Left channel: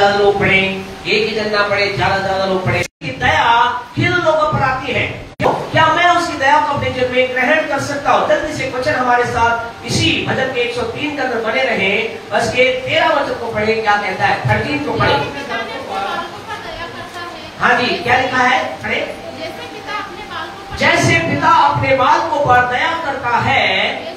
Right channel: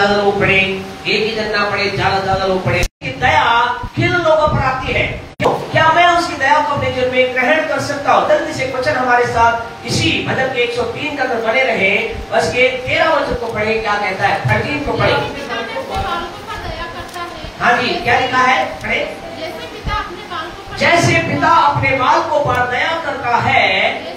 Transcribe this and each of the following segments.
ज्यादा लोग पढ़े, एक ही दिन ना पढ़े, ज्यादा लोग पढ़े। दया किन लोगों पर आती है? क्या मैं उसकी दया को अपने जीवन में ग्रहण कर सकता हूँ? जल्दी से वचन हमारे साथ इसी भजन के 103 के अंदर बने रहे। बस के 13 वचन को पढ़े, क्या कहता है? 13 को पढ़े। हाँ जी, क्या लिखा है? पढ़े। जैसे पिता अपने बाल को पर दया करता है,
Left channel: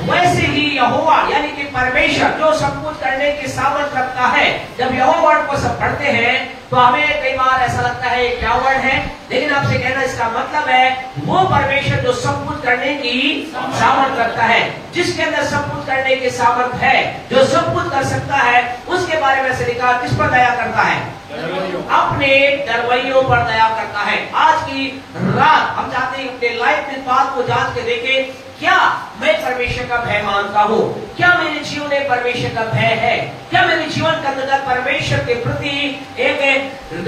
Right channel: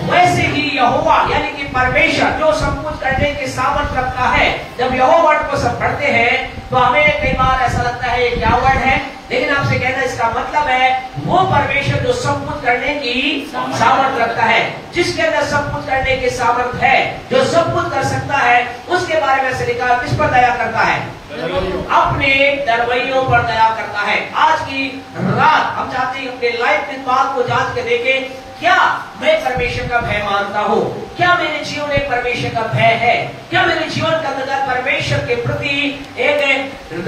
वैसे ही यहोवा यानी कि परमेश्वर जो सब कुछ करने की सामर्थ रखता है। जब यहोवा वर्ड को सब पढ़ते हैं तो हमें कई बार ऐसा लगता है क्या वर्ड है, लेकिन आपसे कहना इसका मतलब है वो परमेश्वर जो सब कुछ करने की सामर्थ रखता है, जिसके अंदर सब कुछ करने की सामर्थ है, जो सब कुछ कर सकता है, उसके बारे में से लिखा किस पर दया करता है? अपने दरवैयों पर दया करता है। आज की रात हम चाहते हैं अपने लाइफ में बात को जांच के देखें, क्या मैं परमेश्वर का भय मानता हूँ? क्या मेरे जीवन में परमेश्वर का भय है? क्या मेरे जीवन का अंदर परमेश्वर के प्रति एक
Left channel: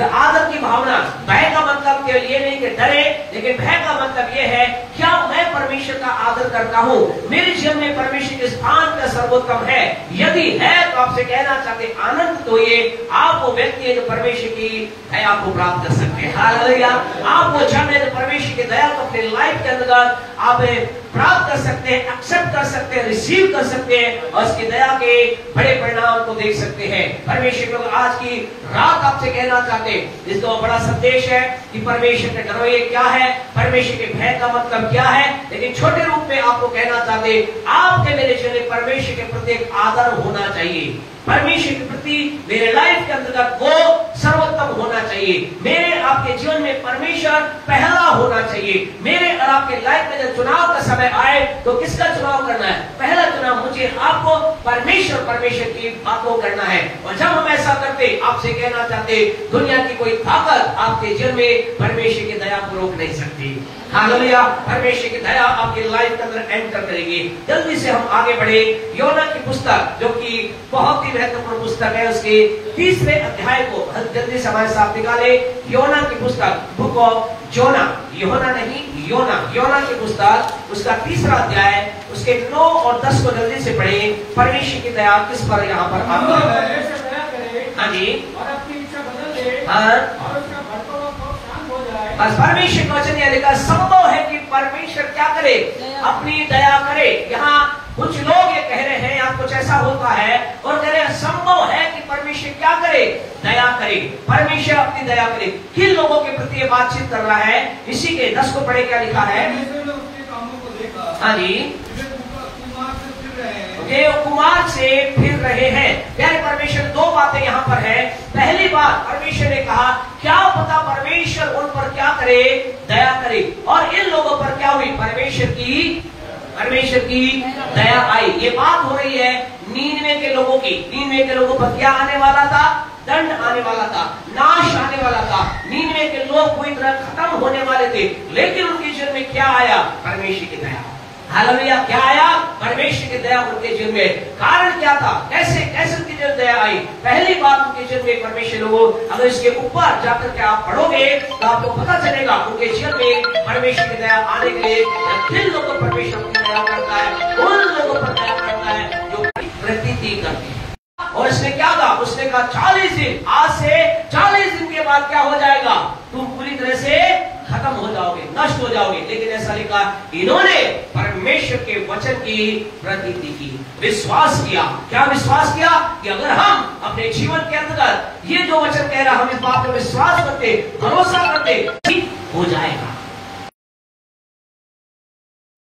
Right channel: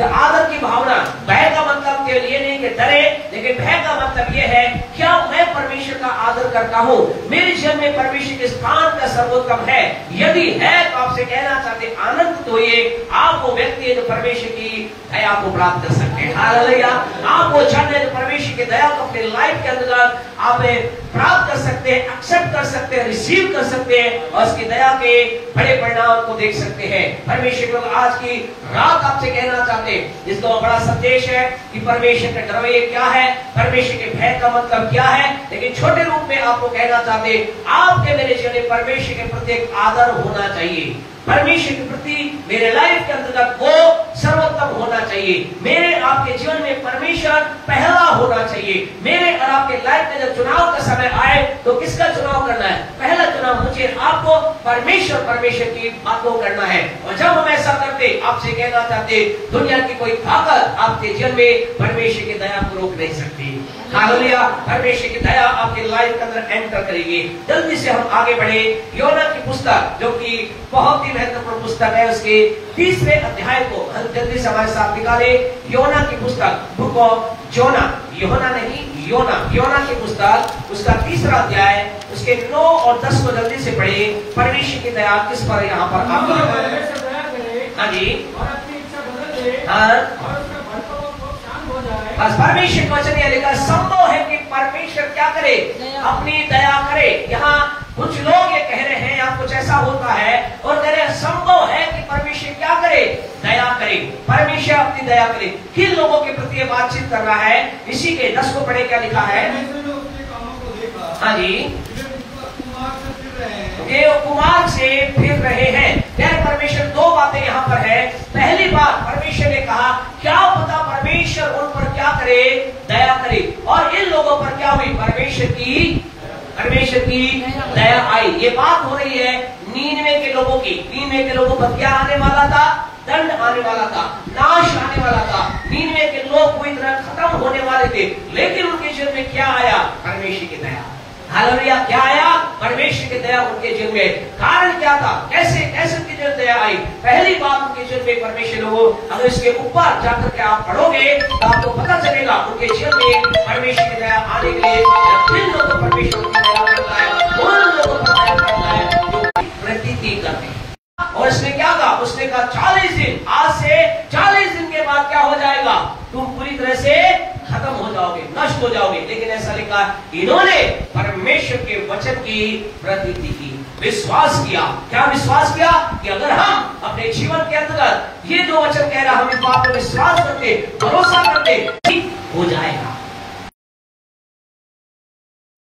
आदर की भावना? भय का मतलब के लिए नहीं कि डरे, लेकिन भय का मतलब यह है क्या मैं परमेश्वर का आदर करता हूँ? मेरे जीवन में परमेश्वर के स्थान का सर्वोत्तम है? यदि है तो आपसे कहना चाहते आनंद तो ये आप वो व्यक्ति जो परमेश्वर की दया को प्राप्त कर सकते हैं। हालेलुया। आप वो जन है परमेश्वर की दया को अपने लाइफ के अंदर आप प्राप्त कर सकते हैं, एक्सेप्ट कर सकते हैं, रिसीव कर सकते हैं और उसकी दया के बड़े परिणाम को देख सकते हैं। परमेश्वर लोग आज की रात आपसे कहना चाहते हैं, जिसका बड़ा संदेश है कि परमेश्वर का डरवैया क्या है, परमेश्वर के भय का मतलब क्या है, लेकिन छोटे रूप में आपको कहना चाहते आपके मेरे जीवन में परमेश्वर के प्रति एक आदर होना चाहिए। परमेश्वर के प्रति मेरे लाइफ के अंतर्गत वो सर्वोत्तम होना चाहिए। मेरे आपके जीवन में परमेश्वर पहला होना चाहिए। मेरे और आपके लाइफ में जब चुनाव का समय आए तो किसका चुनाव करना है? पहला चुनाव मुझे आपको परमेश्वर की बातों करना है। और जब हम ऐसा करते आपसे कहना चाहते दुनिया की कोई ताकत आपके जीवन में परमेश्वर की दया को रोक नहीं सकती। हालेलुया। परमेश्वर की दया आपके लाइफ के अंदर एंटर करेगी। जल्दी से हम आगे बढ़े। योना की पुस्तक जो कि बहुत ही महत्वपूर्ण पुस्तक है, उसके 30वें अध्याय को जल्दी से हमारे साथ निकाले। योना की पुस्तक, बुक ऑफ जोना, योना नहीं योना की पुस्तक, उसका 3रा अध्याय, उसके 9 और 10 को जल्दी से पढ़े। परमेश्वर की दया किस पर यहाँ पर आपका? हाँ जी, हाँ, परमेश्वर का वचन यह लिखा संभव है कि परमेश्वर क्या करे? अपनी दया करे। यहाँ कुछ लोग ये कह रहे हैं या कुछ ऐसा होता है और कह रहे हैं संभव है कि परमेश्वर क्या करे? दया करे। परमेश्वर अपनी दया करे। किन लोगों के प्रति बातचीत कर रहा है? इसी के 10 को पढ़े, क्या लिखा है? हाँ जी, कुमार से फिर रहे हैं। यानी परमेश्वर 2 बातें यहाँ पर है। पहली बात परमेश्वर ने कहा क्या पता परमेश्वर उन पर क्या करे? दया करे। और इन लोगों पर क्या हुई? परमेश्वर की दया आई। ये बात हो रही है नीनवे के लोगों की। नीनवे के लोगों पर क्या आने वाला था? दंड आने वाला था, नाश आने वाला था। नीनवे के लोग पूरी तरह खत्म होने वाले थे, लेकिन उनके जीवन में क्या आया? परमेश्वर की दया। हालेलुया। क्या आया? परमेश्वर की दया उनके जीवन में। कारण क्या था? कैसे उनके जीवन दया आई? पहली बात उनके जीवन में परमेश्वर लोगों, अगर इसके ऊपर जाकर के आप पढ़ोगे तो आपको पता चलेगा उनके जीवन में परमेश्वर की दया आने के लिए किन लोगों पर परमेश्वर की दया करता है? उन लोगों पर दया करता है जो प्रतीति करते हैं। और उसने क्या कहा? उसने कहा 40 दिन, आज से 40 दिन के बाद क्या हो जाएगा? तुम पूरी तरह से खत्म हो जाओगे, नष्ट हो जाओगे। लेकिन ऐसा लिखा इन्होंने परमेश्वर के वचन की प्रतीति की, विश्वास किया। क्या विश्वास किया? कि अगर हम अपने जीवन के अंतर्गत ये जो वचन कह रहा हम इस बात पर विश्वास करते, भरोसा करते, ठीक हो जाएगा।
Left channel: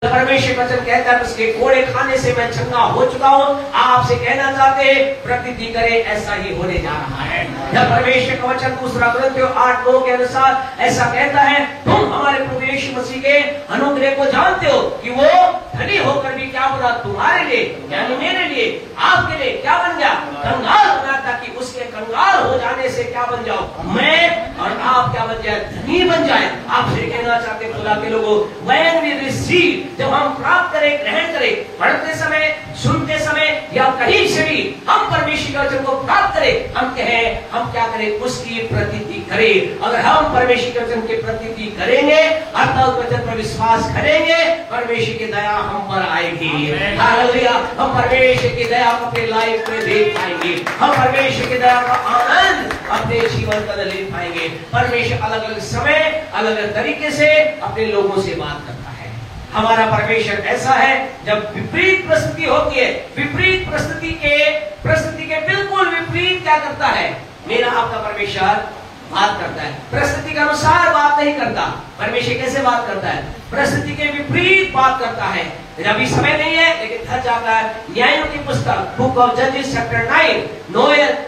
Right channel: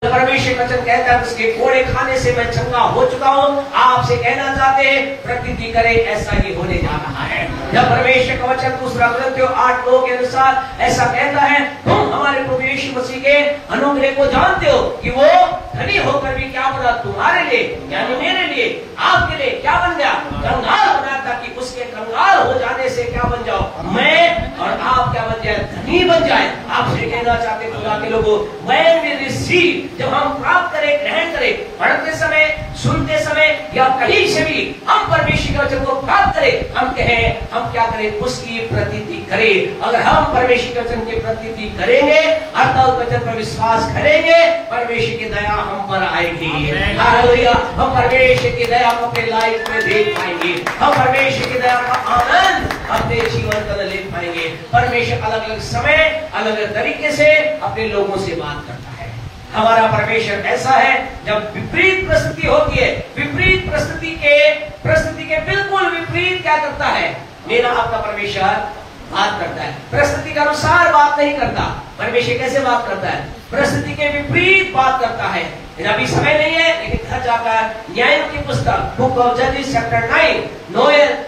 परमेश्वर वचन कहता है उसके कोड़े खाने से मैं चंगा हो चुका हूँ। आपसे कहना चाहते प्रकृति करे ऐसा ही होने जा रहा है। जब परमेश्वर का वचन दूसरा ग्रंथियों 8:2 के अनुसार ऐसा कहता है तुम हमारे प्रभु यीशु मसीह के अनुग्रह को जानते हो कि वो धनी होकर भी क्या बना? तुम्हारे लिए यानी मेरे लिए, आपके लिए क्या बन गया? कंगाल बना, ताकि उसके कंगाल हो जाने से क्या बन जाओ? मैं और आप क्या बन जाए? धनी बन जाए। आपसे कहना चाहते खुदा के लोगों, when we receive, जब हम प्राप्त करें, ग्रहण करें, पढ़ते समय, सुनते समय या कहीं से भी हम परमेश्वर के वचन को प्राप्त करें, हम कहें हम क्या करें? उसकी प्रतीति करें। अगर हम परमेश्वर के वचन की प्रतीति करेंगे, अर्थात वचन पर विश्वास करेंगे, परमेश्वर की दया हम पर आएगी। हालेलुया। हम परमेश्वर की दया को अपने लाइफ में देख पाएंगे। हम परमेश्वर की दया का आनंद अपने जीवन का ले पाएंगे। परमेश्वर अलग अलग समय अलग अलग तरीके से अपने लोगों से बात करता है। हमारा परमेश्वर ऐसा है, जब विपरीत परिस्थिति होती है, विपरीत परिस्थिति के बिल्कुल विपरीत क्या करता है, मेरा आपका परमेश्वर बात करता है। परिस्थिति के अनुसार बात नहीं करता। परमेश्वर कैसे बात करता है? परिस्थिति के विपरीत बात करता है। अभी समय नहीं है, लेकिन घर जाकर न्यायों की पुस्तक बुक ऑफ जजेस चैप्टर 9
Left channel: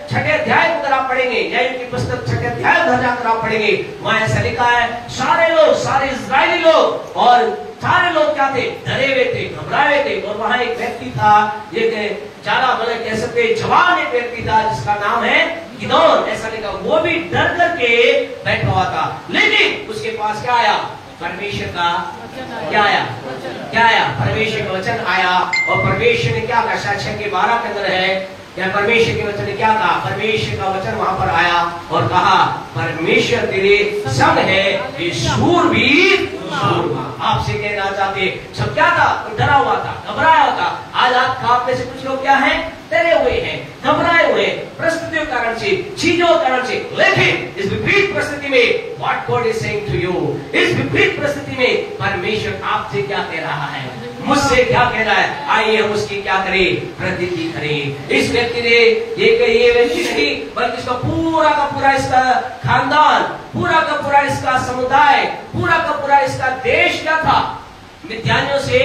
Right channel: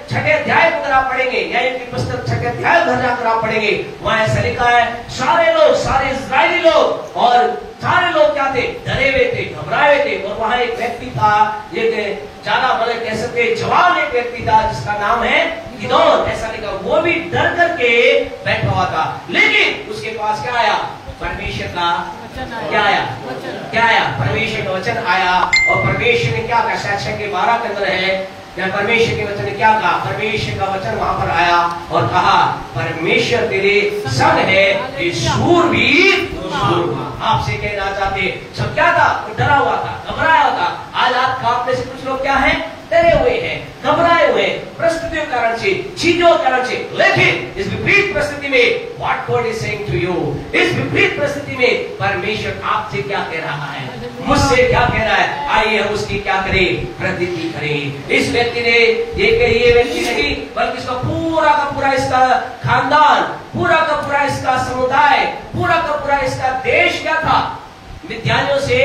छठे अध्याय को अगर आप पढ़ेंगे, न्यायों की पुस्तक छठे अध्याय घर जाकर आप पढ़ेंगे, वहां ऐसा लिखा है, सारे इजरायली लोग और सारे लोग क्या थे? डरे हुए थे, घबराए थे। और वहां एक व्यक्ति था, एक ज्यादा बड़े कह सकते जवान एक व्यक्ति था जिसका नाम है गिदोन। ऐसा लिखा, वो भी डर करके बैठा हुआ था, लेकिन उसके पास क्या आया? परमेश्वर का क्या आया? परमेश्वर का वचन आया। और परमेश्वर ने क्या कहा? शायद के 12 के अंदर है, परमेश्वर के वचन ने क्या कहा? परमेश्वर का वचन वहां पर आया और कहा, परमेश्वर तेरे संग है, ये शूरवीर। आपसे कहना चाहते, सब क्या था? वो डरा हुआ था, घबराया हुआ था। आज आप में से कुछ लोग क्या है? डरे हुए हैं, घबराए हुए, परिस्थितियों के कारण से, चीजों के कारण से। लेकिन इस विपरीत परिस्थिति में what God is saying to you, इस विपरीत परिस्थिति में परमेश्वर आपसे क्या कह रहा है, मुझसे क्या कह रहा है? आइए हम उसकी क्या करें? प्रतीति करें। इस व्यक्ति ने ये व्यक्ति नहीं, बल्कि इसका पूरा का पूरा इसका खानदान, पूरा का पूरा इसका समुदाय, पूरा का पूरा इसका देश क्या था? मिथ्यानियों से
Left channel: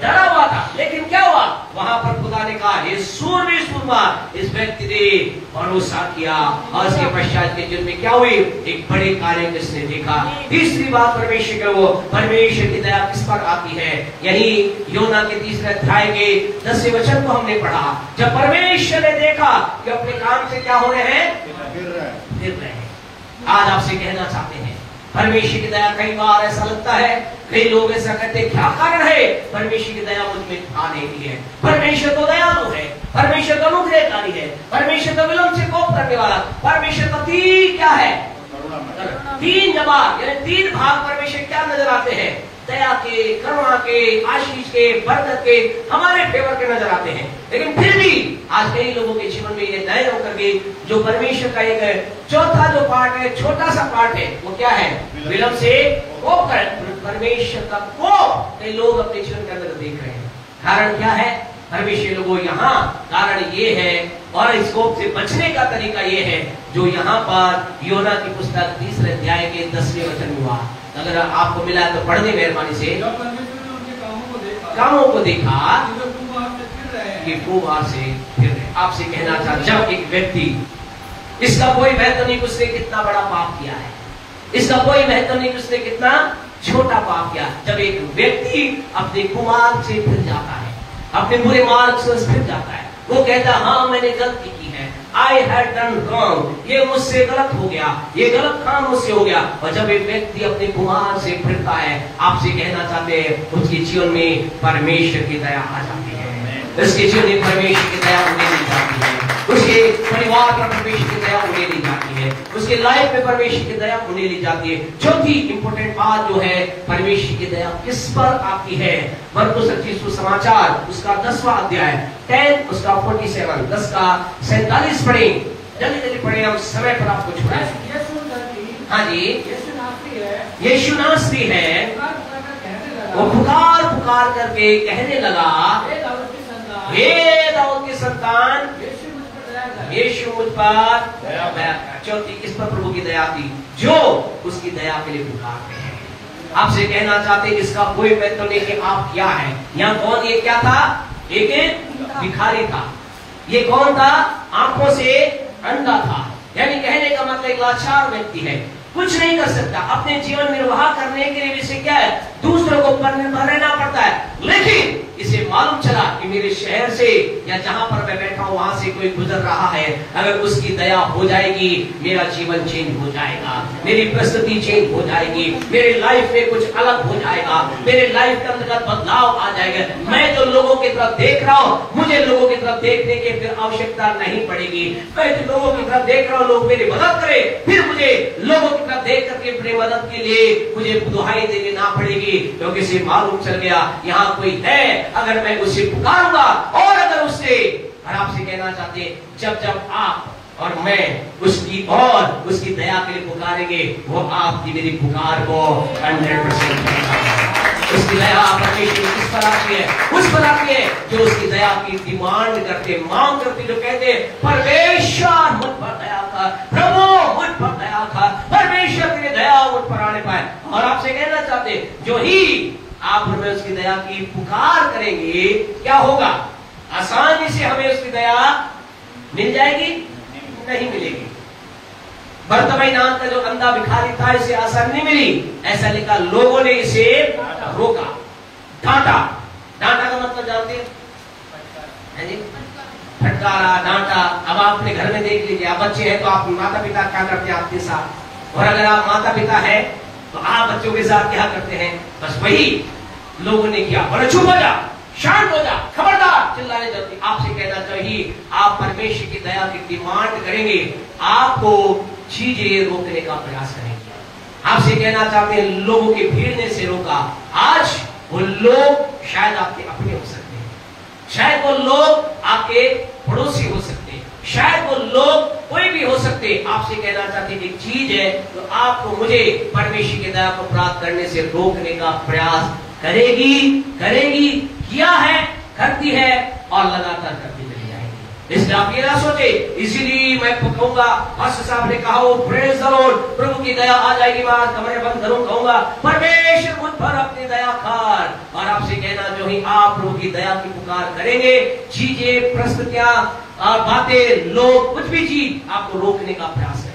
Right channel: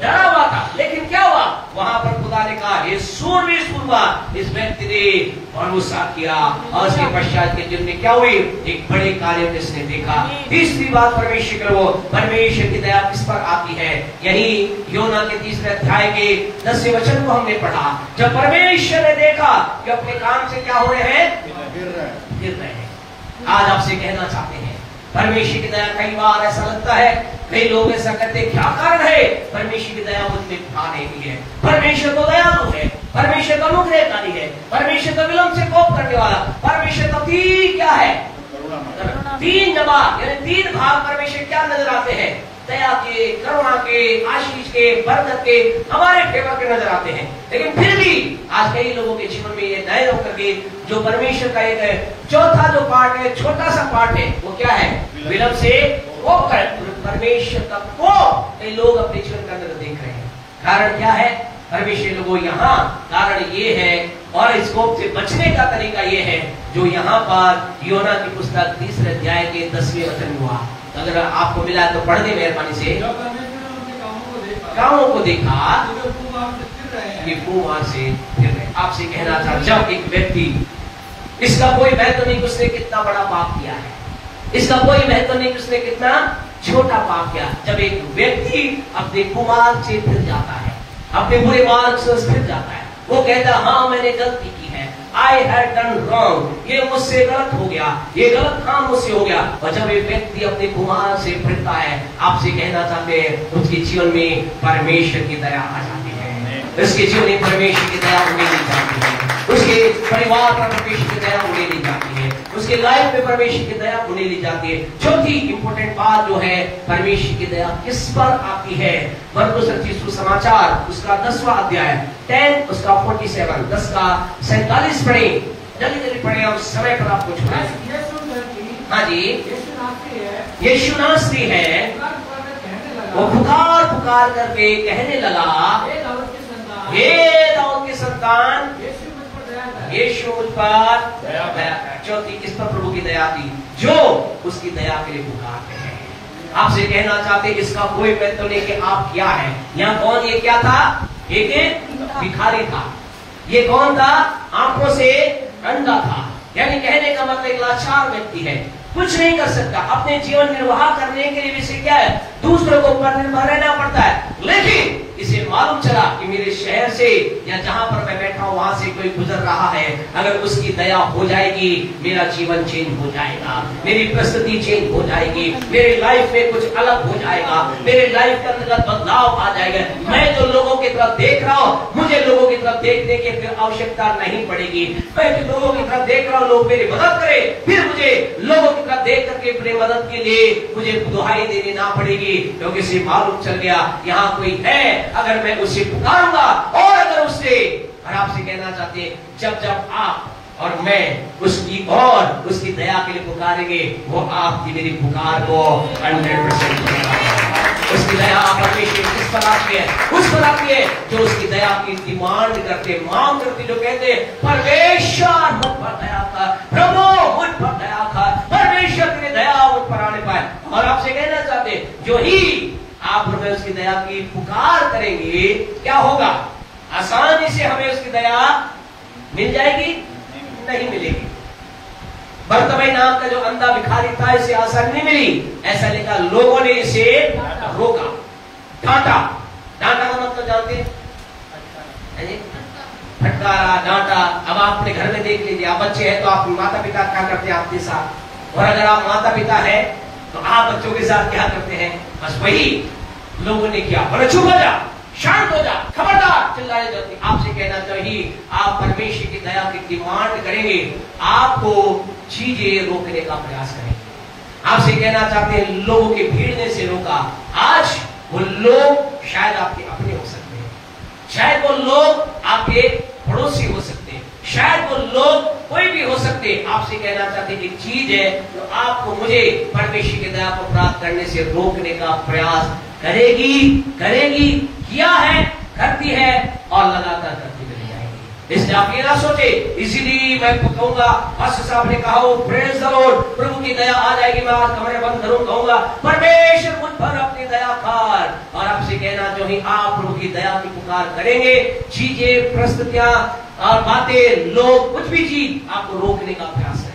डरा हुआ था। लेकिन क्या हुआ? वहां पर खुदा ने कहा, ये सूरमा इस व्यक्ति ने भरोसा किया और उसके पश्चात के जीवन में क्या हुई? एक बड़े कार्य जिसने देखा। तीसरी बात परमेश्वर की दया किस पर आती है? यही योना के 3 अध्याय के 10वें वचन को हमने पढ़ा। जब परमेश्वर ने देखा कि अपने काम से क्या हो रहे हैं? फिर रहे हैं। आज आपसे कहना चाहते हैं, परमेश्वर की दया, कई बार ऐसा लगता है, कई लोग ऐसा कहते हैं, क्या कारण है? परमेश्वर की दया मुझ में आ नहीं है। परमेश्वर तो दयालु है, परमेश्वर का अनुग्रहकारी है, परमेश्वर का विलंब से कोप करने वाला, परमेश्वर का क्या है? 3 जवाब, यानी 3 भाग परमेश्वर क्या नजर आते हैं? दया के, करुणा के, आशीष के, बरकत के, हमारे फेवर के नजर आते हैं। लेकिन फिर भी आज कई लोगों के जीवन में ये नए होकर के जो परमेश्वर का एक चौथा जो पार्ट है, छोटा सा पार्ट है, वो क्या है? विलंब से कोप कर। परमेश्वर का कोप कई लोग अपने जीवन के अंदर देख रहे हैं। कारण क्या है? परमेश्वर लोगों यहाँ कारण ये है, और इस कोप से बचने का तरीका ये है जो यहाँ पर योना की पुस्तक 3 अध्याय के 10वें वचन हुआ। अगर आपको मिला तो पढ़ दे मेहरबानी से। कामों को देखा ये कुमार से फिर रहे। आपसे कहना चाहता, जब एक व्यक्ति, इसका कोई महत्व नहीं उसने कितना बड़ा पाप किया है, इसका कोई महत्व नहीं उसने कितना छोटा पाप किया। जब एक व्यक्ति अपने कुमार से फिर जाता है, अपने बुरे मार्ग से फिर जाता है, वो कहता, हाँ मैंने गलती की है, आई हैड डन रॉन्ग, ये मुझसे गलत हो गया, ये गलत काम मुझसे हो गया। और जब एक व्यक्ति अपने कुमार से फिरता है, आपसे कहना चाहते हैं, उसके जीवन में परमेश्वर की दया आ जाती है, उसके जीवन में परमेश्वर की दया उन्हें ली जाती है, उसके परिवार पर परमेश्वर की दया उन्हें ली जाती है, उसके लाइफ में परमेश्वर की दया उन्हें ली जाती है। चौथी इंपोर्टेंट बात जो है, परमेश्वर की दया किस पर आती है? मरकुस रचित सुसमाचार उसका 10वां अध्याय 10 उसका 47 10 का 47 पढ़े, जल्दी जल्दी पढ़े, हम समय पर आपको छुड़ाए। हाँ जी, यीशु नासरी है, वो पुकार पुकार करके कहने लगा, हे दाऊद की संतान, यीशु मुझ पर दया कर। चौथी, इस पर प्रभु की दया थी जो उसकी दया के लिए पुकारते हैं। आपसे कहना चाहते हैं, इसका कोई महत्व नहीं कि आप क्या है। यहाँ कौन, ये क्या था? एक भिखारी था। ये कौन था? आंखों से अंधा था, यानी कहने का मतलब एक लाचार व्यक्ति है, कुछ नहीं कर सकता, अपने जीवन निर्वाह करने के लिए इसे क्या है? दूसरों को पर निर्भर रहना पड़ता है। लेकिन इसे मालूम चला कि मेरे शहर से या जहां पर मैं बैठा हूं वहां से कोई गुजर रहा है, अगर उसकी दया हो जाएगी मेरा जीवन चेंज हो जाएगा, मेरी परिस्थिति चेंज हो जाएगी, मेरी लाइफ में कुछ अलग हो जाएगा, मेरे लाइफ के अंतर्गत बदलाव आ जाएगा। मैं जो लोगों की तरफ देख रहा हूं, मुझे लोगों की तरफ देखने की फिर आवश्यकता नहीं पड़ेगी। मैं जो लोगों की तरफ देख रहा हूं, लोग मेरी मदद करें, फिर मुझे लोगों की तरफ देख करके अपनी मदद के लिए मुझे दुहाई देने ना पड़ेगी, क्योंकि इसे मालूम चल गया यहाँ कोई है, अगर मैं उसे पुकारूंगा और अगर उससे। और आपसे कहना चाहते हैं, जब जब आप और मैं उसकी और उसकी दया के लिए पुकारेंगे, वो आपकी मेरी पुकार को 100% उसकी दया परमेश्वर किस तरह की है? उस तरह की है जो उसकी दया की डिमांड करते, मांग करते, जो कहते परमेश्वर मुझ पर दया कर, प्रभु मुझ पर दया कर, परमेश्वर की दया मुझ पर आने पाए। और आपसे कहना चाहते, जो ही आप हमें उसकी दया की पुकार करेंगे, क्या होगा? आसानी से हमें उसकी दया मिल जाएगी? नहीं मिलेगी। बर्तमई नाम का जो अंधा भिखारी था, इसे आसानी नहीं मिली। ऐसा लिखा, लोगों ने इसे रोका, डांटा। डांटा का मतलब जानते हैं? फटकारा, डांटा। अब आपने घर में देख लीजिए, आप बच्चे हैं तो आप माता पिता क्या करते हैं आपके साथ, और अगर आप माता पिता हैं तो आप बच्चों के साथ क्या करते हैं? बस वही लोगों ने किया। बोले चुप हो जा, शांत हो जा, खबरदार, चिल्लाने जाती। आपसे कहना चाहिए, आप परमेश्वर की दया की डिमांड करेंगे, आपको चीजें रोकने का प्रयास करेंगे। आपसे कहना चाहते हैं, लोगों की भीड़ ने से रोका। आज वो लोग शायद आपके अपने हो सकते हैं, शायद वो लोग आपके पड़ोसी हो सकते हैं, शायद वो लोग कोई भी हो सकते। आपसे कहना चाहते एक चीज है जो आपको मुझे परमेश्वर की दया को प्राप्त करने से रोकने का प्रयास करेगी, किया है, करती है और लगातार करती रह जाएगी। इसलिए आप ये ना सोचे, इसीलिए मैं कहूंगा, पास्टर साहब ने कहा, वो प्रेज द लॉर्ड, प्रभु की दया आ जाएगी, मैं आज कमरे बंद करूं, कहूंगा परमेश्वर मुझ पर अपनी दया कर। और आपसे कहना, जो ही आप प्रभु की दया की पुकार करेंगे, चीजें, परिस्थितियां और बातें, लोग, कुछ भी चीज आपको रोकने का प्रयास करेंगे।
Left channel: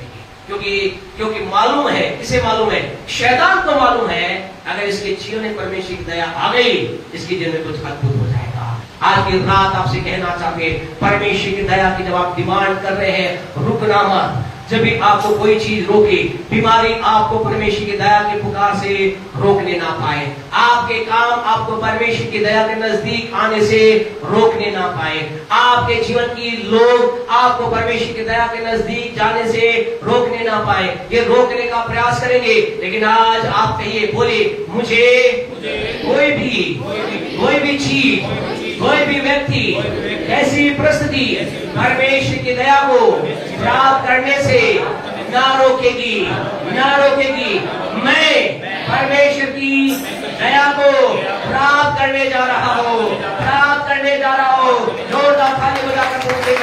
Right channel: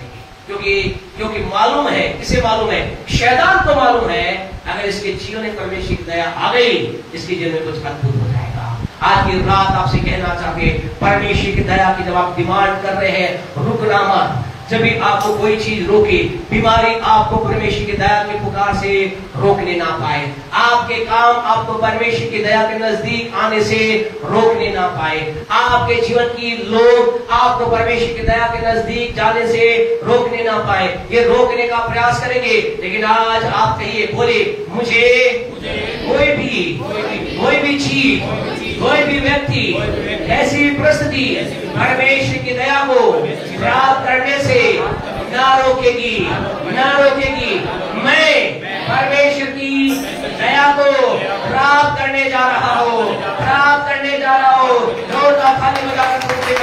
क्योंकि मालूम है, किसे मालूम है? शैतान को मालूम है, अगर इसके जीवन में परमेश्वर की दया आ गई, इसके जीवन में कुछ अद्भुत हो जाएगा। आज की रात आपसे कहना चाहते, परमेश्वर की दया की जब आप डिमांड कर रहे हैं, रुकना मत। जब भी आपको कोई चीज रोके, बीमारी आपको परमेश्वर की दया की पुकार से रोकने ना पाए, आपके काम आपको परमेश्वर की दया के नजदीक आने से रोकने ना पाए, आपके जीवन की लोग आपको परमेश्वर की दया के नजदीक जाने से रोकने ना पाए, ये रोकने का प्रयास करेंगे। लेकिन आज आप कहिए, बोले, मुझे कोई भी चीज, कोई भी व्यक्ति, ऐसी परिस्थिति परमेश्वर की दया को प्राप्त करने से ना रोकेगी। मैं परमेश्वर की दया को प्राप्त करने जा रहा हूँ, जोरदार ताली बजाकर क्योंकि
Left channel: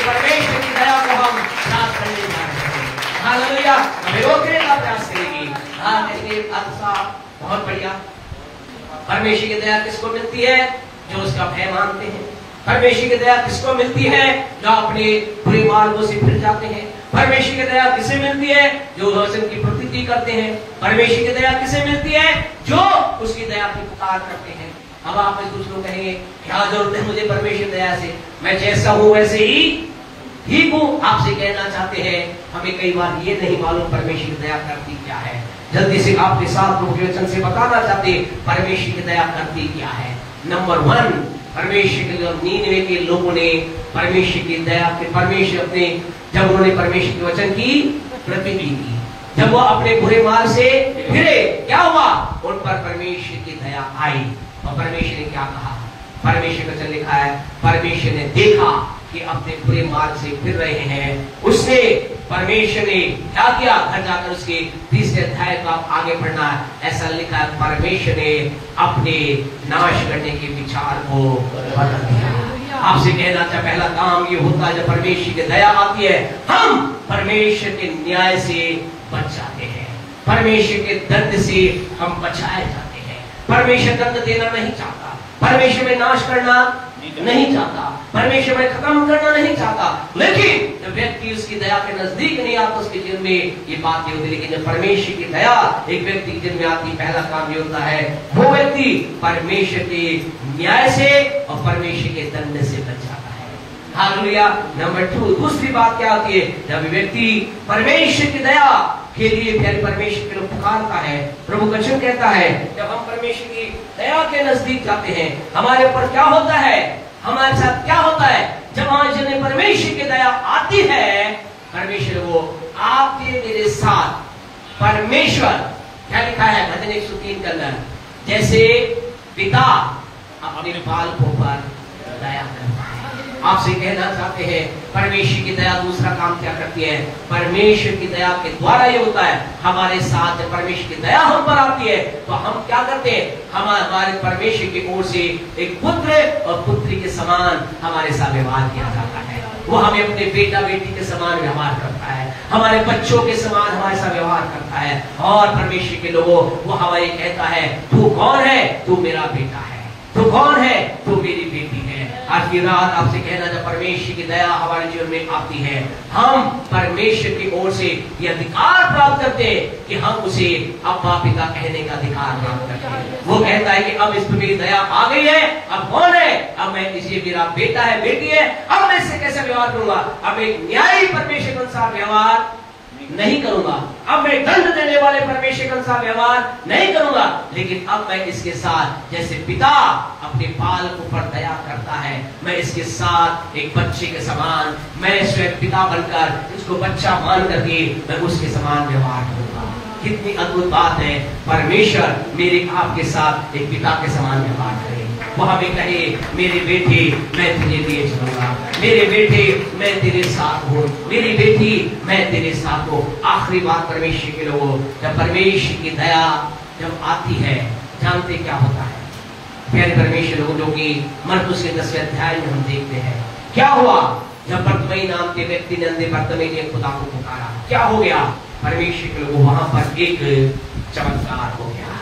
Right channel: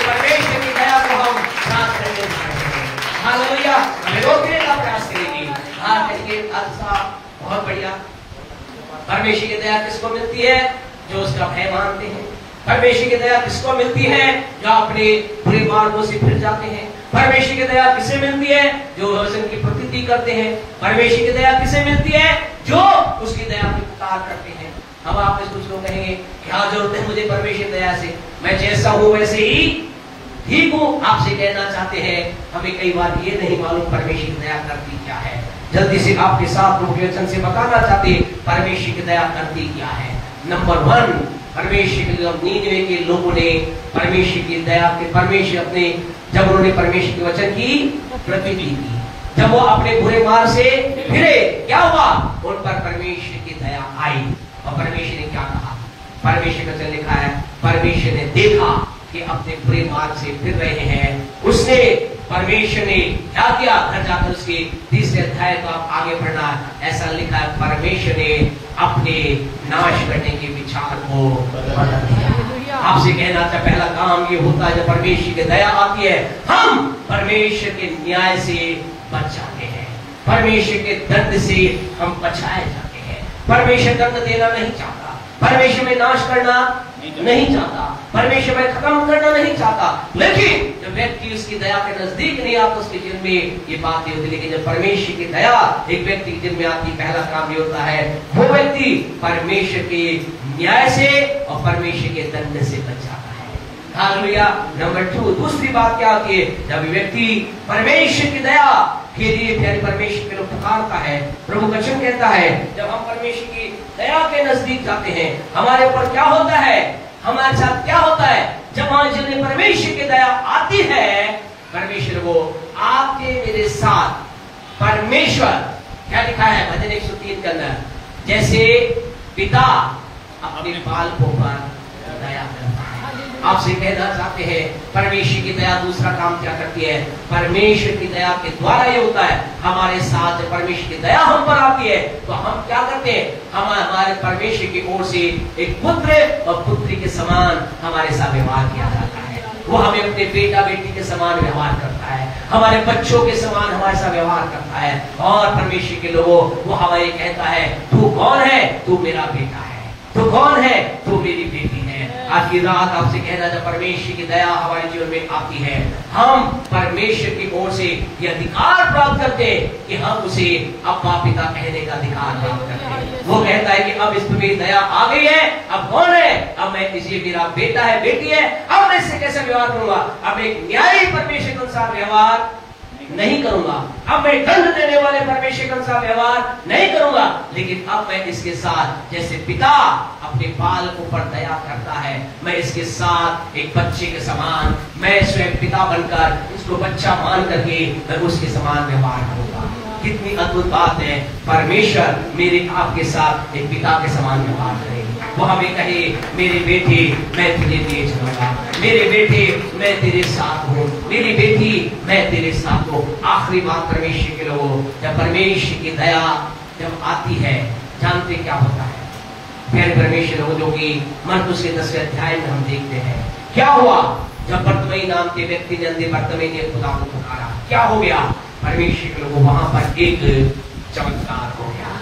परमेश्वर की दया को हम प्राप्त करने जा रहे हैं। हालेलुया। हमें रोकने का प्रयास करेगी। कहते अच्छा, बहुत बढ़िया। परमेश्वर की दया किसको मिलती है? जो उसका भय मानते हैं। परमेश्वर की दया किसको मिलती है? जो अपने बुरे मार्गों से फिर जाते हैं। परमेश्वर की दया किसे मिलती है? जो वचन की प्रतीति करते हैं। परमेश्वर की दया किसे मिलती है? जो उसकी दया की पुकार करते हैं। अब आप कुछ लोग कहेंगे, क्या जरूरत है मुझे परमेश्वर दया से, मैं जैसा हूं वैसे ही ठीक हूं। आपसे कहना चाहते हैं, हमें कई बार ये नहीं मालूम परमेश्वर की दया करती क्या है। जल्दी से आपके साथ प्रभु के वचन से बताना चाहते हैं, परमेश्वर की दया करती क्या है। नंबर 1, परमेश्वर के 99 के लोगों ने परमेश्वर की दया के परमेश्वर अपने, जब उन्होंने परमेश्वर के वचन की प्रतिज्ञा की, जब वो अपने बुरे मार्ग से फिरे, क्या हुआ? उन पर परमेश्वर की दया आई। और परमेश्वर ने क्या कहा? परमेश्वर का वचन लिखा है, परमेश्वर ने देखा कि अपने बुरे मार्ग से फिर रहे हैं, उसने, परमेश्वर ने क्या किया? घर जाकर उसके 30वें अध्याय को आप आगे पढ़ना, ऐसा लिखा है, परमेश्वर ने अपने नाश करने के विचार को बदल दिया। आपसे कहना था, पहला काम ये होता है, जब परमेश्वर की दया आती है, हम परमेश्वर के न्याय से बच जाते हैं, परमेश्वर के दंड से हम बचाए जाते हैं। परमेश्वर दंड देना नहीं चाहता, परमेश्वर में नाश करना नहीं चाहता, परमेश्वर में खत्म करना नहीं चाहता। लेकिन जब व्यक्ति उसकी दया के नजदीक नहीं आता, उसके जीवन में ये बातें होती। लेकिन जब परमेश्वर की दया एक व्यक्ति के जीवन में आती, पहला काम ये होता है, वो व्यक्ति परमेश्वर के न्याय से और परमेश्वर के दंड से बच जाता है। हालेलुया। नंबर 2, दूसरी बात क्या होती है? जब व्यक्ति परमेश्वर की दया के लिए फिर परमेश्वर के लिए पुकारता है, प्रभु वचन कहता है, जब हम परमेश्वर की दया के नजदीक जाते हैं, हमारे ऊपर क्या होता है? हमारे साथ क्या होता है? जब हमारे जीवन में परमेश्वर की दया आती है, परमेश्वर वो आपके मेरे साथ, परमेश्वर क्या लिखा है भजन 103 के अंदर, जैसे पिता अपने बालकों पर दया करता है, आपसे कहना चाहते हैं परमेश्वर की दया दूसरा काम क्या करती है? परमेश्वर की दया के द्वारा ये होता है हमारे साथ परमेश्वर की दया हम पर आती है तो हम क्या करते हैं? हमारे परमेश्वर की ओर से एक पुत्र और पुत्री के समान हमारे साथ व्यवहार किया जाता है। वो हमें अपने बेटा बेटी के समान व्यवहार करता है, हमारे बच्चों के समान हमारे साथ व्यवहार करता है। और परमेश्वर के लोगों वो हमें कहता है तू कौन है? तू मेरा बेटा है। तू कौन है? तू मेरी बेटी है। आज की रात आपसे कहना जब परमेश्वर की दया हमारे जीवन में आती है हम परमेश्वर की ओर से ये अधिकार प्राप्त करते हैं कि हम उसे अब्बा पिता कहने का अधिकार प्राप्त करते हैं। वो कहता है कि अब इस पर मेरी दया आ गई है, अब कौन है? अब मैं इसे मेरा बेटा है बेटी है, अब मैं इससे कैसे व्यवहार करूंगा? अब एक न्यायी परमेश्वर के अनुसार व्यवहार नहीं करूंगा, अब मैं दंड देने वाले परमेश्वर के अनुसार व्यवहार नहीं करूंगा, लेकिन अब मैं इसके साथ जैसे पिता अपने बालकों पर दया करता है मैं इसके साथ एक बच्चे के समान, मैं स्वयं पिता बनकर इसको बच्चा मान करके मैं उसके समान व्यवहार करूंगा। कितनी अद्भुत बात है, परमेश्वर मेरे आपके साथ एक पिता के समान व्यवहार करे। वो हमें कहे मेरे बेटे मैं तेरे लिए चलूंगा, मेरे बेटे मैं तेरे साथ हूँ, मेरी बेटी मैं तेरे साथ हूँ। आखिरी बात परमेश्वर के लोगों, जब परमेश्वर की दया जब आती है जानते क्या होता है? प्यारे परमेश्वर लोगों जो कि मरकुस के 10वें अध्याय में हम देखते हैं क्या हुआ जब बर्तमई नाम के व्यक्ति ने अंधे बर्तमई ने खुदा को पुकारा। क्या हो गया? परमेश्वर के लोगों वहां पर एक चमत्कार हो गया,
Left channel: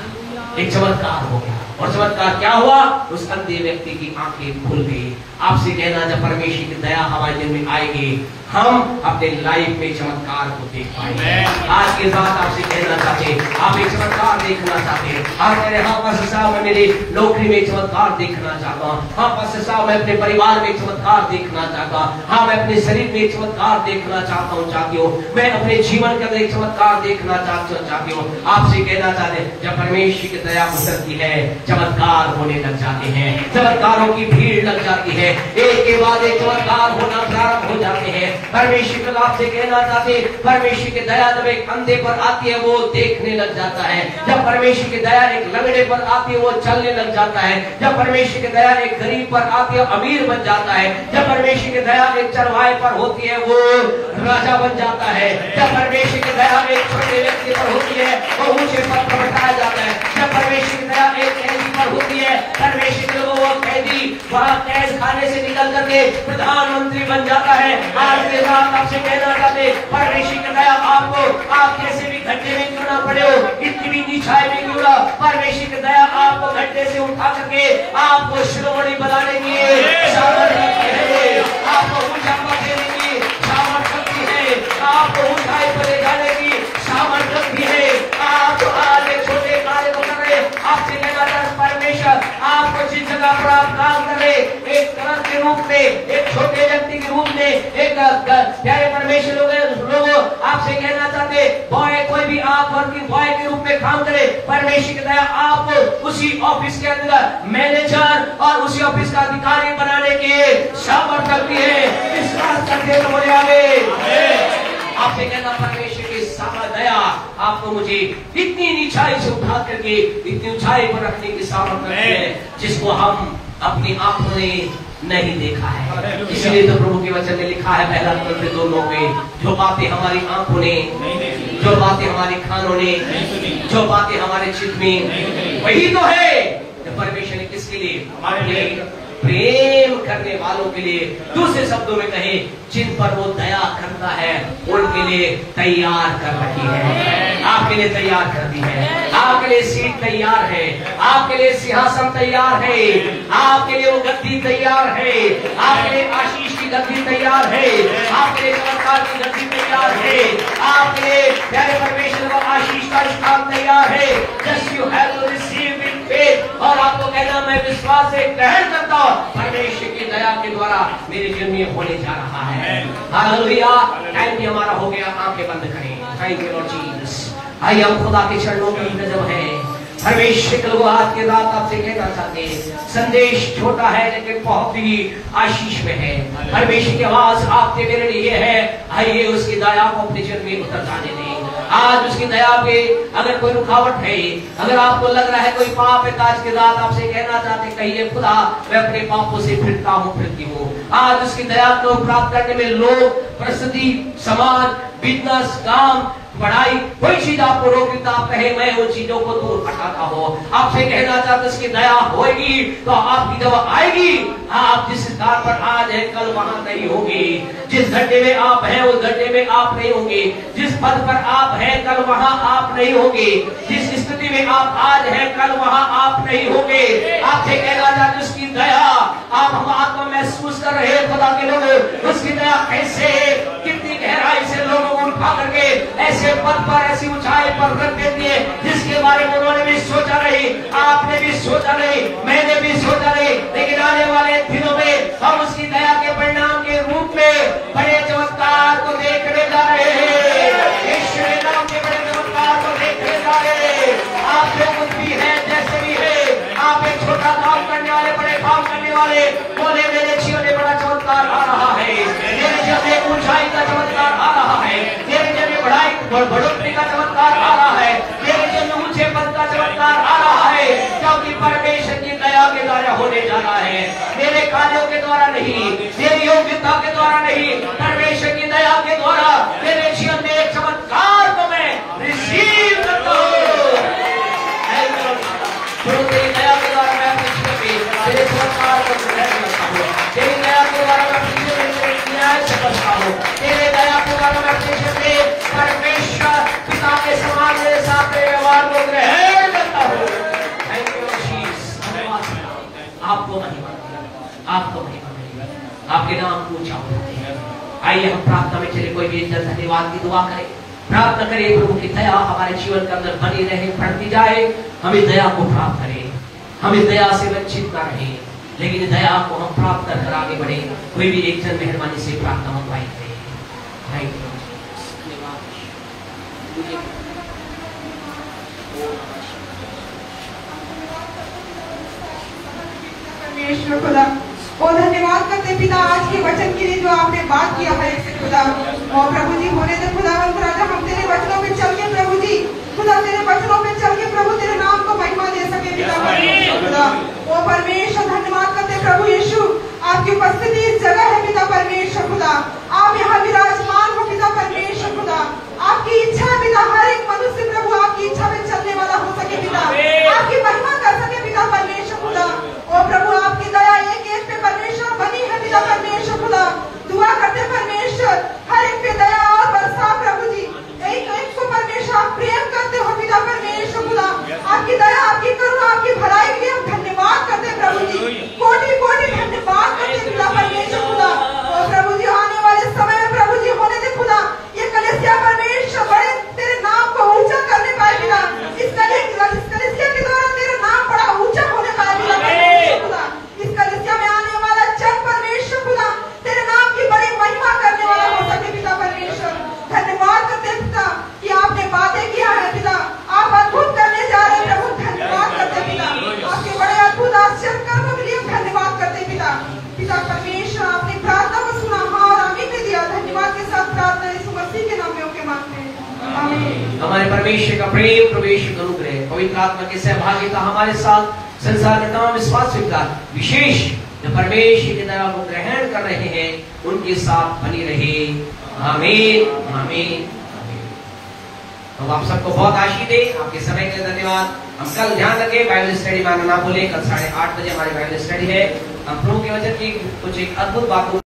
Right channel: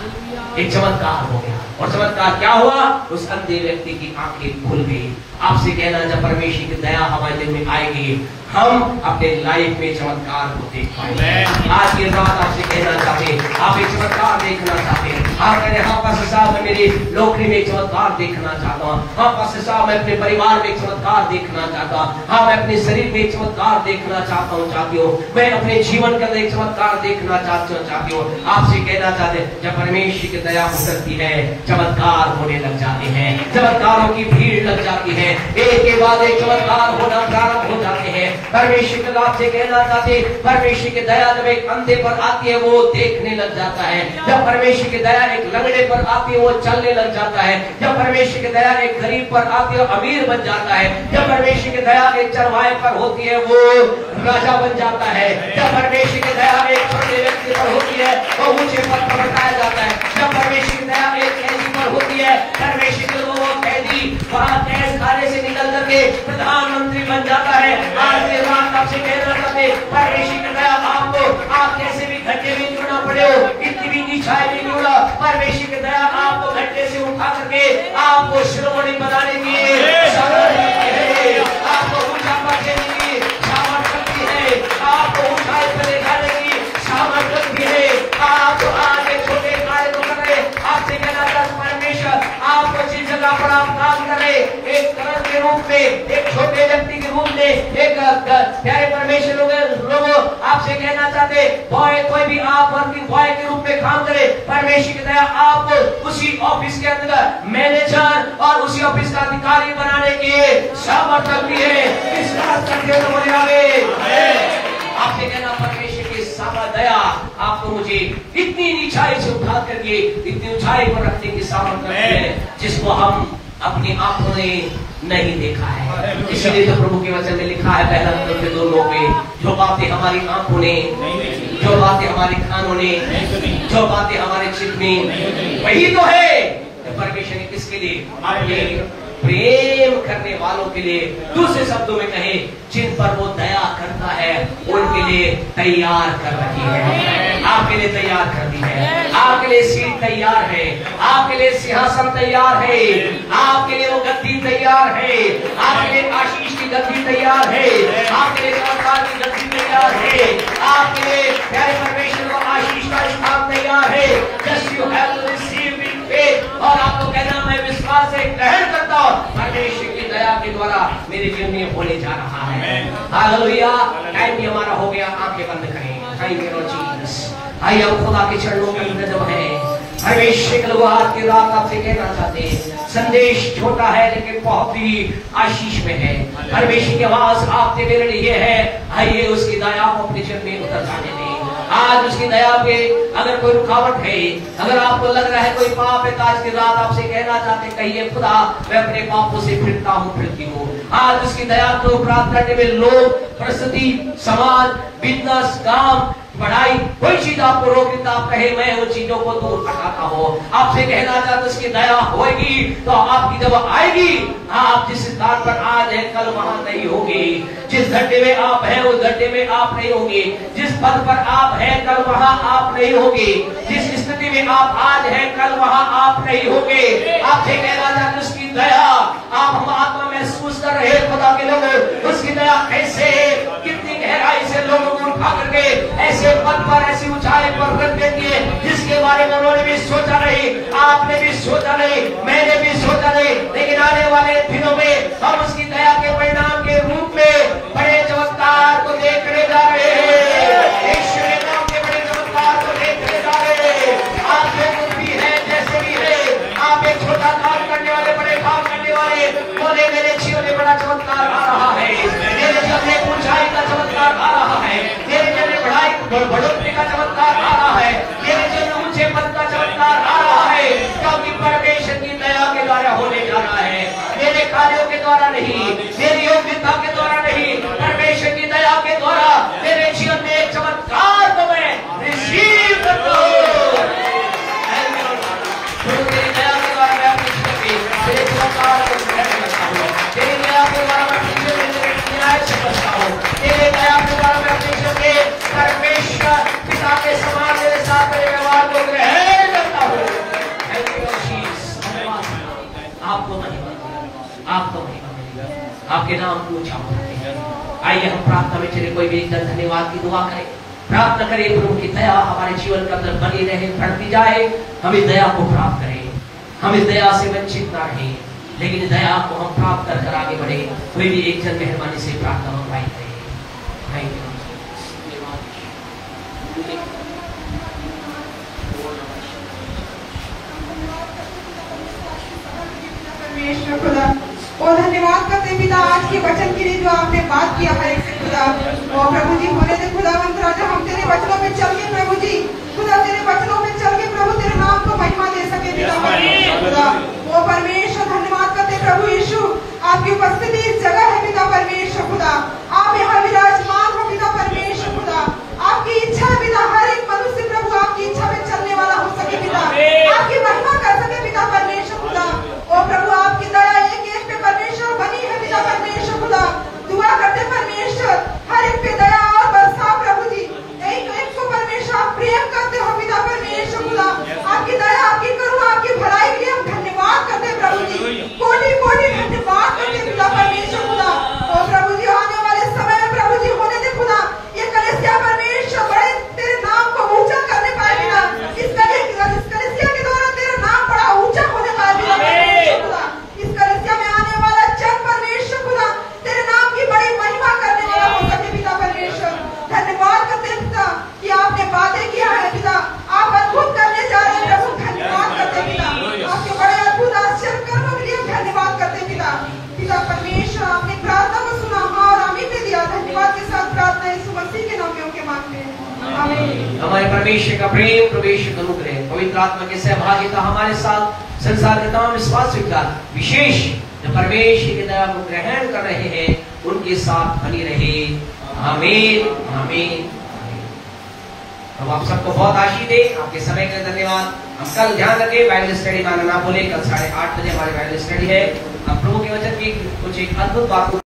एक चमत्कार हो गया। और चमत्कार क्या हुआ? उस अंधे व्यक्ति की आंखें खुल गई। आपसे कहना जब परमेश्वर की दया हमारे दिन में आएगी हम अपने लाइफ में चमत्कार को देख पाएंगे। आज के साथ आपसे कहना चाहते आप एक चमत्कार देखना चाहते हैं? आप कह रहे हाँ पास्टर साहब मैं मेरी नौकरी में चमत्कार देखना चाहता हूँ, हाँ पास्टर साहब मैं अपने परिवार में चमत्कार देखना चाहता हूँ, हाँ मैं अपने शरीर में चमत्कार देखना चाहता हूँ चाहती हूँ, मैं अपने जीवन के अंदर एक चमत्कार देखना चाहती हूँ। आपसे कहना चाहते जब परमेश्वर की दया उतरती है चमत्कार होने लग जाते हैं, चमत्कारों की भीड़ लग जाती है, एक के बाद एक चमत्कार होना प्रारंभ हो जाते हैं। परमेश्वर के लाभ से कहना चाहते परमेश्वर की दया जब एक अंधे पर आती है वो देखने लग जाता है, जब परमेश्वर की दया एक लंगड़े पर आती है वो चलने लग जाता है, जब परमेश्वर की दया एक गरीब पर आती है अमीर बन जाता है, जब परमेश्वर की दया एक चरवाहे पर होती है वो राजा बन जाता है, जब परमेश्वर की दया एक छोटे व्यक्ति पर होती है वो ऊंचे पद पर बैठाया जाता है, जब परमेश्वर की दया एक कैदी पर होती है परमेश्वर के लोगों वो कैदी वहां कैद खाने से निकल करके प्रधानमंत्री बन जाता है। आज के रात आपसे कहना चाहते परमेश्वर की दया आपको आप कैसे भी घंटे में क्यों ना पड़े हो, कितनी भी नीचाई में क्यों ना, परमेश्वर की दया आपको घंटे से उठा करके आपको शिरोमणि बनाने की आपको ऊंचा देने की सामर्थ्य भी है, आपको ऊंचाई पर ले जाने की सामर्थ्य भी है। आप आज छोटे कार्य को कर रहे आपसे कहना चाहते परमेश्वर आपको जिस जगह पर आप काम कर रहे एक कर्म के रूप में, एक छोटे व्यक्ति के रूप में, एक प्यारे परमेश्वर लोगों आपसे कहना चाहते बॉय कोई भी आप वर्किंग बॉय के रूप में काम करे परमेश्वर की दया आपको उसी ऑफिस के अंदर मैनेजर और उसी ऑफिस का अधिकारी बनाने के सामर्थ्य भी है। विश्वास करते तो बोले आमीन। आपसे कहना परमेश्वर की सामर्थ्य दया आपको मुझे इतनी नीचाई से उठा करके इतनी ऊंचाई पर रखने की सामर्थ्य है जिसको हम अपनी आंखों ने नहीं देखा है। इसीलिए तो प्रभु के वचन में लिखा है पहला Timothy 2:9 में जो बातें हमारी आंखों ने, जो बातें हमारे कानों ने, जो बातें हमारे चित्त में, वही तो है जो परमेश्वर ने किसके लिए? अपने प्रेम करने वालों के लिए, दूसरे शब्दों में कहे जिन पर वो दया करता है उनके लिए तैयार कर रखी है, आपके लिए तैयार कर दी है, आपके लिए सीट तैयार है, आपके लिए सिंहासन तैयार है, आपके लिए वो गद्दी तैयार है, आपके लिए आशीष की गद्दी तैयार है, आपके लिए चमत्कार की गद्दी तैयार है, आपके लिए प्यारे परमेश्वर को आशीष का स्थान तैयार है। Just you have to receive it faith, और आपको कहना मैं विश्वास से ग्रहण करता हूँ परमेश्वर की दया के द्वारा मेरे जीवन में होने जा रहा है। हालेलुया। टाइम भी हमारा हो गया, आंखें बंद करें। Thank you Lord Jesus. आइए हम खुदा के चरणों के अंदर जब है परमेश्वर के लोग आज की रात आपसे कहना चाहते हैं संदेश छोटा है लेकिन बहुत ही आशीष में है। परमेश्वर की आवाज आपके मेरे लिए है, आइए उसकी दया को अपने जीवन में उतर जाने दें। आज उसकी दया पे अगर कोई रुकावट है, अगर आपको लग रहा है कोई पाप है, आज की रात आपसे कहना चाहते कहिए खुदा मैं अपने पापों से फिरता हूँ, फिरती हूँ। आज उसकी दया को प्राप्त करने में लोग, परिस्थिति, समाज, बिजनेस, काम, पढ़ाई, कोई चीज आपको रोक देता, आप कहे मैं उन चीजों को दूर हटाता हूँ। आपसे कहना चाहते उसकी दया होगी तो आपकी जब आएगी, आप जिस स्थान पर आज है कल वहां नहीं होगी। जिस गड्ढे में आप हैं उस गड्ढे में आप नहीं होंगे। जिस पद पर आप हैं कल वहां आप नहीं होंगे। जिस स्थिति में आप आज हैं कल वहां आप नहीं होंगे। आपसे कहना चाहते उसकी दया, आप हम आत्मा महसूस कर रहे खुदा के लोगों, उसकी दया कैसे, कितनी गहराई से लोगों को उठा करके ऐसे पद पर, ऐसी ऊंचाई पर रख देती है जिसके बारे में उन्होंने भी सोचा नहीं, आपने भी सोचा नहीं, मैंने भी सोचा नहीं। लेकिन आने वाले दिनों में हम उसकी दया के परिणाम के रूप में बड़े चमत्कार को देखने जा रहे हैं। यीशु के नाम के बड़े चमत्कार को देखने जा रहे हैं। आप जो कुछ भी है, जैसे भी है, आप एक छोटा काम करने वाले, बड़े काम करने वाले, बोले मेरे जीवन में बड़ा चमत्कार आ रहा है, मेरे जीवन में ऊंचाई का चमत्कार आ रहा है, मेरे जीवन में बढ़ोतरी का चमत्कार आ रहा है, मेरे जीवन में ऊंचे पद का चमत्कार आ रहा है, क्योंकि परमेश्वर की दया के द्वारा होने जा रहा है। मेरे कार्यों के द्वारा नहीं, मेरी योग्यता के द्वारा नहीं, परमेश्वर की दया के द्वारा मेरे जीवन में एक चमत्कार को मैं रिसीव करता हूँ। तेरी दया के द्वारा मैं अपने जीवन में तेरे चमत्कार को ग्रहण करता हूँ। तेरी दया के द्वारा मैं अपने जीवन में न्याय से करता हूँ। तेरे दया के द्वारा मैं अपने जीवन में परमेश्वर पिता के समान मेरे साथ तेरे व्यवहार को ग्रहण करता हूँ। धन्यवाद, आपको महिमा, आपको महिमा मिलेगी, आपके नाम को ऊंचा उठाते हैं। आइए हम प्रार्थना में चले, कोई भी एक जन धन्यवाद की दुआ करे, प्रार्थना करें प्रभु की दया हमारे जीवन के अंदर बनी रहे, बढ़ती जाए, हमें दया को प्राप्त करें, हमें दया से वंचित न रहे, लेकिन दया को हम प्राप्त कर आगे बढ़े। कोई भी एक जन मेहरबानी से प्रार्थना मंगवाई करे। परमेश्वर खुदा और धन्यवाद करते पिता आज के वचन के लिए जो आपने बात किया है खुदा। और प्रभु जी होने दे खुदा राजा, हम तेरे वचनों में चल के प्रभु जी खुदा, तेरे वचनों में चल के प्रभु तेरे नाम को महिमा दे सके पिता परमेश्वर खुदा। ओ परमेश्वर धन्यवाद करते प्रभु यीशु, आपकी उपस्थिति इस जगह है पिता परमेश्वर खुदा। आप यहाँ विराजमान हो पिता परमेश्वर खुदा। आपकी इच्छा है पिता हर एक मनुष्य प्रभु आपकी इच्छा में चलने वाला हो सके पिता, आपकी महिमा कर सके पिता परमेश्वर खुदा। ओ प्रभु आपकी दया एक एक पे परमेश्वर बनी है पिता परमेश्वर खुदा। दुआ करते परमेश्वर हर एक पे दया और बरसा प्रभु जी, एक एक को परमेश्वर आप प्रेम करते हो पिता परमेश्वर खुदा। आपकी दया, आपकी करुणा, आपकी भलाई के लिए हम धन्यवाद करते प्रभु जी, कोटि कोटि धन्यवाद करते पिता परमेश्वर खुदा। ओ प्रभु जी आने वाले समय में प्रभु जी होने दे खुदा, ये कलीसिया परमेश्वर बड़े तेरे नाम को ऊंचा करने पाए पिता। इस कलीसिया के द्वारा तेरा नाम बड़ा ऊंचा होने पाए पिता परमेश्वर खुदा। इस कलीसिया में आने वाला जन परमेश्वर खुदा तेरे नाम की बड़ी महिमा करने वाला हो सके पिता परमेश्वर। धन्यवाद करते पिता कि आपने बातें किया है पिता, आप अद्भुत करने जा रहे हैं प्रभु। धन्यवाद करते पिता, आपके बड़े अद्भुत आश्चर्य कर्मों के लिए धन्यवाद करते पिता। पिता परमेश्वर आपने प्रार्थना को सुना, हाँ और आमीन ने दिया। धन्यवाद के साथ प्रार्थना यीशु मसीह के नाम में होके मांगते हैं, आमीन। हमारे परमेश्वर का प्रेम, प्रवेश करूँ करे, पवित्र आत्मा की सहभागिता हमारे साथ संसार के तमाम विश्वासियों का, विशेष जो परमेश्वर की दया को ग्रहण कर रहे हैं उनके साथ बनी रहे। आमीन, आमीन, आमीन। हम आप सबको बहुत आशीष दे, आपके समय का धन्यवाद। हम कल ध्यान रखें बाइबल स्टडी मांगना ना भूले, कल 8:30 बजे हमारी बाइबल स्टडी है। हम प्रभु के वचन की कुछ एक अद्भुत बातों